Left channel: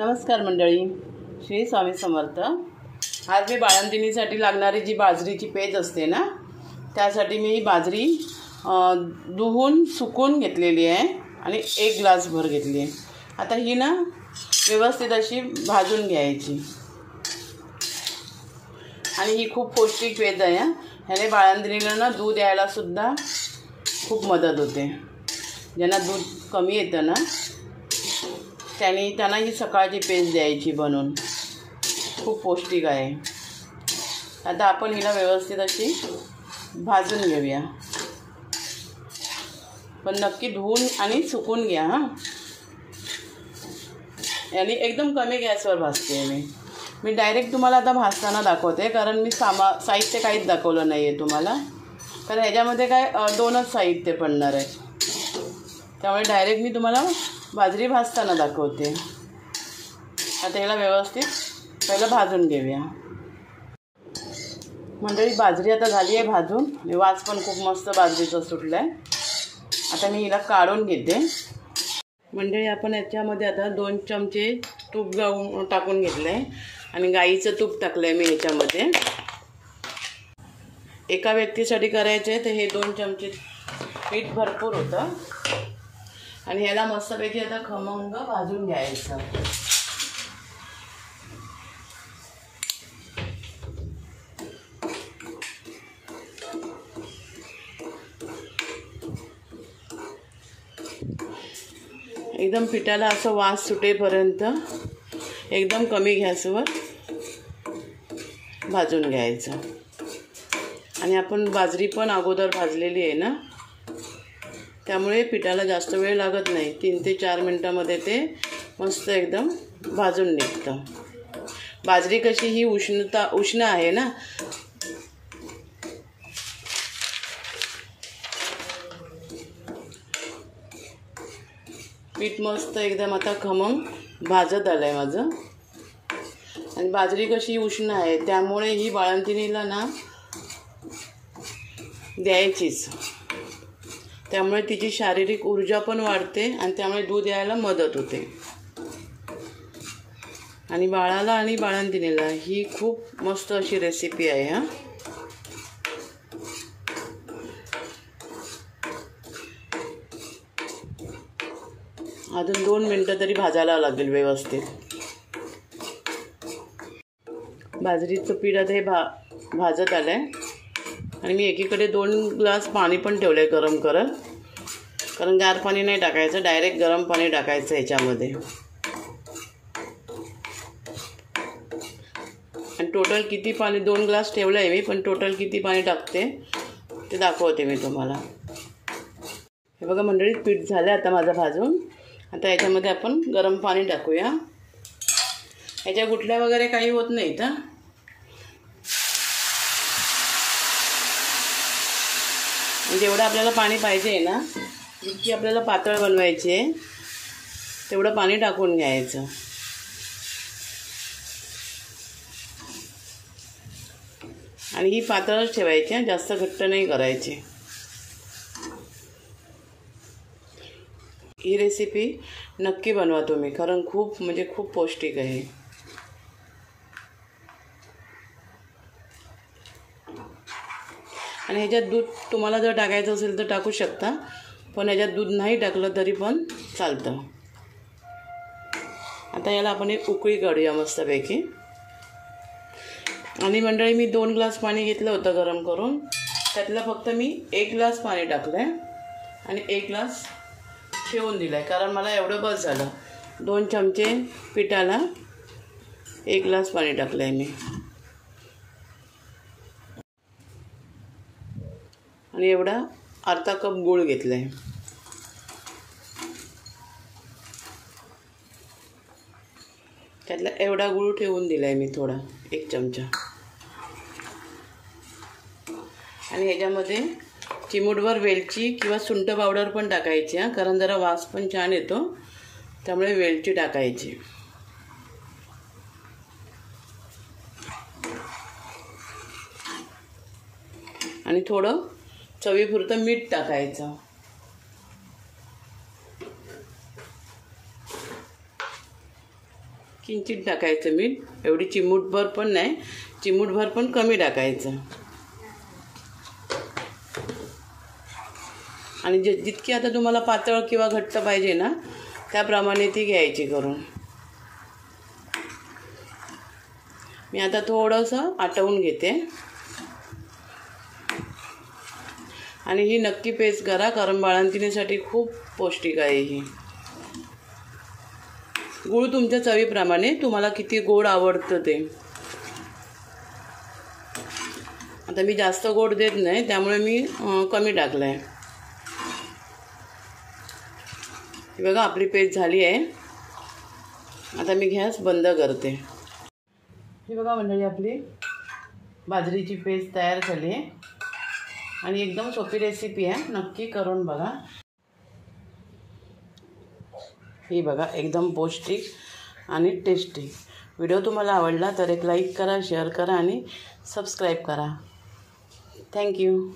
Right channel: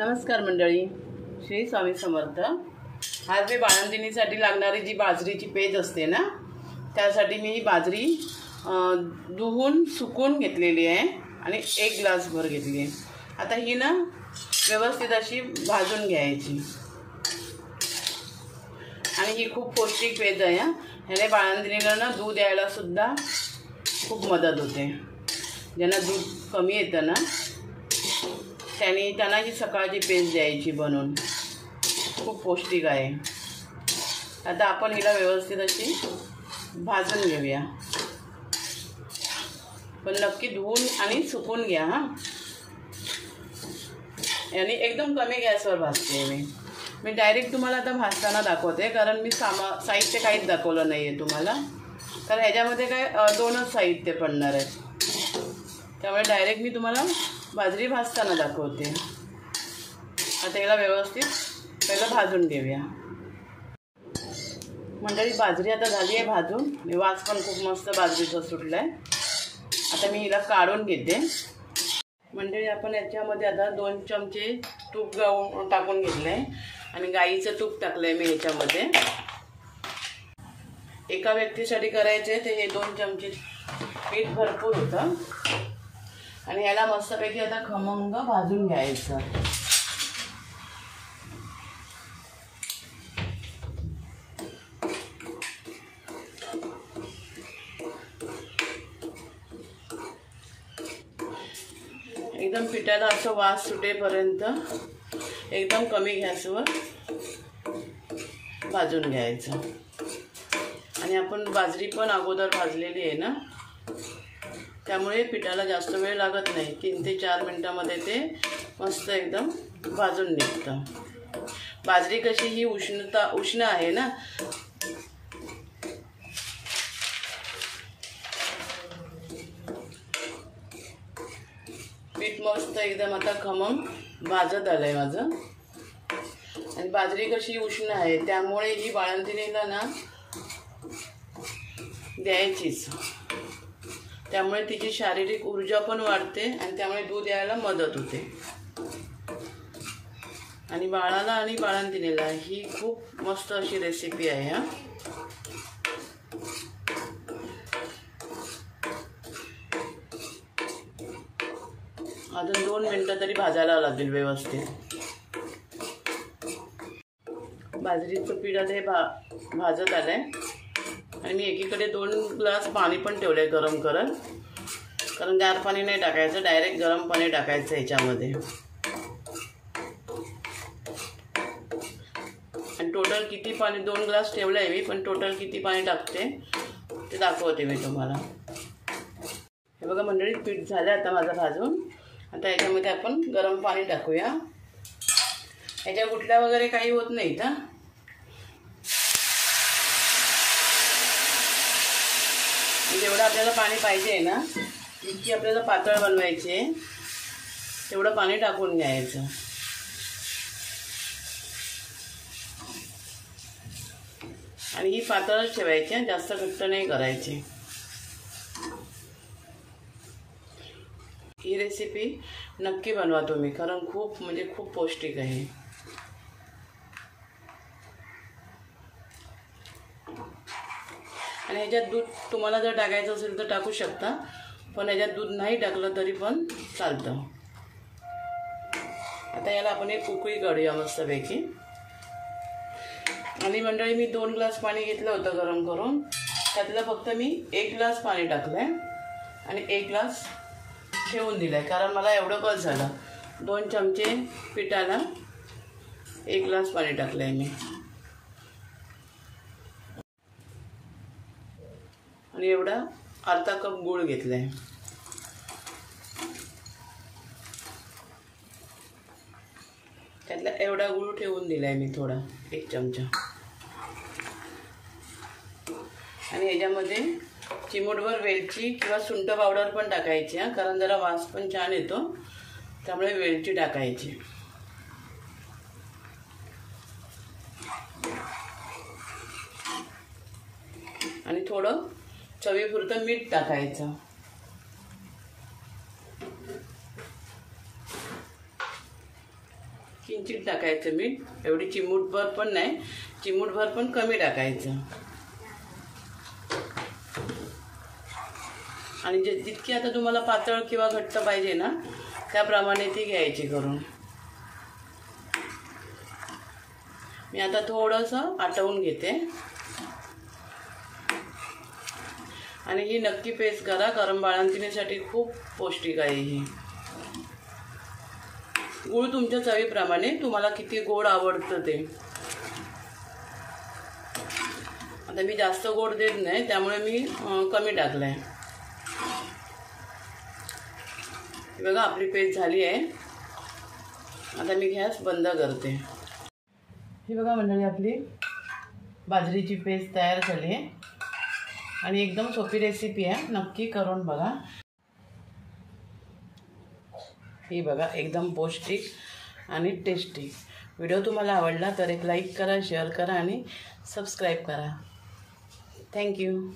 नमस्कार मंडळी, श्री स्वामी समर्थ। आज मी बाळंतिणीसाठी लागणारी जी बाजरीची पेज असते ना, त्यासाठी मी ही बाजरी धुवून सुकून घेतलेली आहे आणि 1 ग्लास भर घेतली आहे। आता ही ना व्यवस्थित अशी भाजून घ्यायची आणि ही खूप पौष्टिक पेज आहे। ह्याने बाळंतिणीला ना दूध यायला सुद्धा खूप मदत होते। ज्यांना दूध कमी येतं ना त्यांना ही सकाळची पेज द्यायची बनवून, खूप पौष्टिक आहे। आता आपण हिला व्यवस्थित अशी भाजून घेऊया, पण नक्की धुवून आणि सुकून घ्या हां। यानी एकदम कमी गॅसवर भाजते मी डायरेक्ट तुम्हाला आता भाजताना दाखवते, कारण मी साहित्य काहीच दाखवलं नाही आहे तुम्हाला, कारण ह्याच्यामध्ये काय 2च साहित्य पडणार आहे। त्यामुळे डायरेक्ट मी तुम्हाला बाजरी भाजताना दाखवते। आता याला व्यवस्थित पहिलं भाजून घेऊया। मंडळी, बाजरी आता झाली आहे भाजून, वास पण खूप मस्त बाजरीचा सुटला आहे। आता मी हिला काढून घेते। मंडळी, आपण याच्यामध्ये आता 2 चमचे तूप टाकून घेतलं आहे आणि गाईचं तूप टाकलं आहे मी ह्याच्यामध्ये। एका व्यक्तीसाठी करायचे तर हे 2 चमचे पीठ भरपूर होतं आणि याला मस्तपैकी आता खमंग भाजून घ्यायचं। एकदम पिठाला असं वास सुटेपर्यंत एकदम कमी गॅसवर भाजून घ्यायचं। आणि आपण बाजरी पण अगोदर भाजलेली आहे ना, त्यामुळे पिठाला जास्त वेळ लागत नाही। 3 ते 4 मिनिटांमध्ये ते मस्त एकदम भाजून निघतं। बाजरी कशी ही उष्ण आहे ना, पीठ मस्त एकदम आता खमंग भाजत आलं आहे माझं। आणि बाजरी कशी उष्ण आहे त्यामुळे ही बाळंतिणीला ना द्यायचीच, त्यामुळे तिची शारीरिक ऊर्जा पण वाढते आणि त्यामुळे दूध यायला मदत होते। आणि बाळाला आणि बाळंतिणीला ही खूप मस्त अशी रेसिपी आहे हां। अजून 2 मिनिटं तरी भाजायला लागेल व्यवस्थित। बाजरीचं पीठ आता हे भाजत आलं आहे आणि मी एकीकडे 2 ग्लास पाणी पण ठेवलं आहे गरम करत, कारण गार पाणी नाही टाकायचं, डायरेक्ट गरम पाणी टाकायचं ह्याच्यामध्ये। आणि टोटल किती पाणी, 2 ग्लास ठेवलं आहे मी, पण टोटल किती पाणी टाकते ते दाखवते मी तुम्हाला। हे बघा मंडळी, पीठ झालं आता माझं भाजून। आता याच्यामध्ये आपण गरम पाणी टाकूया। याच्या गुठल्या वगैरे काही होत नाहीत हां। जेवढं आपल्याला पाणी पाहिजे आहे ना, जितकी आपल्याला पातळ बनवायची आहे तेवढं पाणी टाकून घ्यायचं। आणि ही पातळच ठेवायची, जास्त घट्ट नाही करायची। ही रेसिपी नक्की बनवा तुम्ही, कारण खूप म्हणजे खूप पौष्टिक आहे। आणि ह्याच्यात दूध तुम्हाला जर टाकायचं असेल तर टाकू शकता, पण ह्याच्यात दूध नाही टाकलं तरी पण चालतं। आता याला आपण एक उकळी काढूया मस्तपैकी। आणि मंडळी, मी 2 ग्लास पाणी घेतलं होतं गरम करून, त्यातलं फक्त मी 1 ग्लास पाणी टाकलं आहे आणि 1 ग्लास ठेवून दिलं आहे, कारण मला एवढं बस झालं। 2 चमचे पिठाला 1 ग्लास पाणी टाकलं आहे मी। आणि एवढा अर्धा कप गूळ घेतला आहे। त्यातला एवढा गूळ ठेवून दिला आहे मी, थोडा 1 चमचा। आणि ह्याच्यामध्ये चिमूटभर वेलची किंवा सुंठ पावडर पण टाकायची हां, कारण जरा वास पण छान येतो, त्यामुळे वेलची टाकायची। आणि थोडं चवीपुरतं मीठ टाकायचं। किंचित टाकायचं मीठ, एवढी चिमूटभर पण नाही, चिमूटभर पण कमी टाकायचं. आणि जितकी आता तुम्हाला पातळ किंवा घट्ट पाहिजे ना त्याप्रमाणे ती घ्यायची करून. मी आता थोडंसं आटवून घेते. आणि ही नक्की पेस्ट करा कारण बाळंतिणीसाठी खूप पौष्टिक आहे ही. गूळ तुमच्या चवीप्रमाणे, तुम्हाला किती गोड आवडतं ते. आता मी जास्त गोड देत नाही त्यामुळे मी कमी टाकलं आहे. ही बघा आपली पेस्ट झाली आहे. आता मी गॅस बंद करते. ही बघा मंडळी आपली बाजरीची पेस्ट तयार झाली आहे आणि एकदम सोपी रेसिपी आहे, नक्की करून बघा. ही बघा एकदम पौष्टिक आणि टेस्टी. व्हिडिओ तुम्हाला आवडला तर एक लाईक करा, शेअर करा आणि सबस्क्राईब करा. थँक्यू.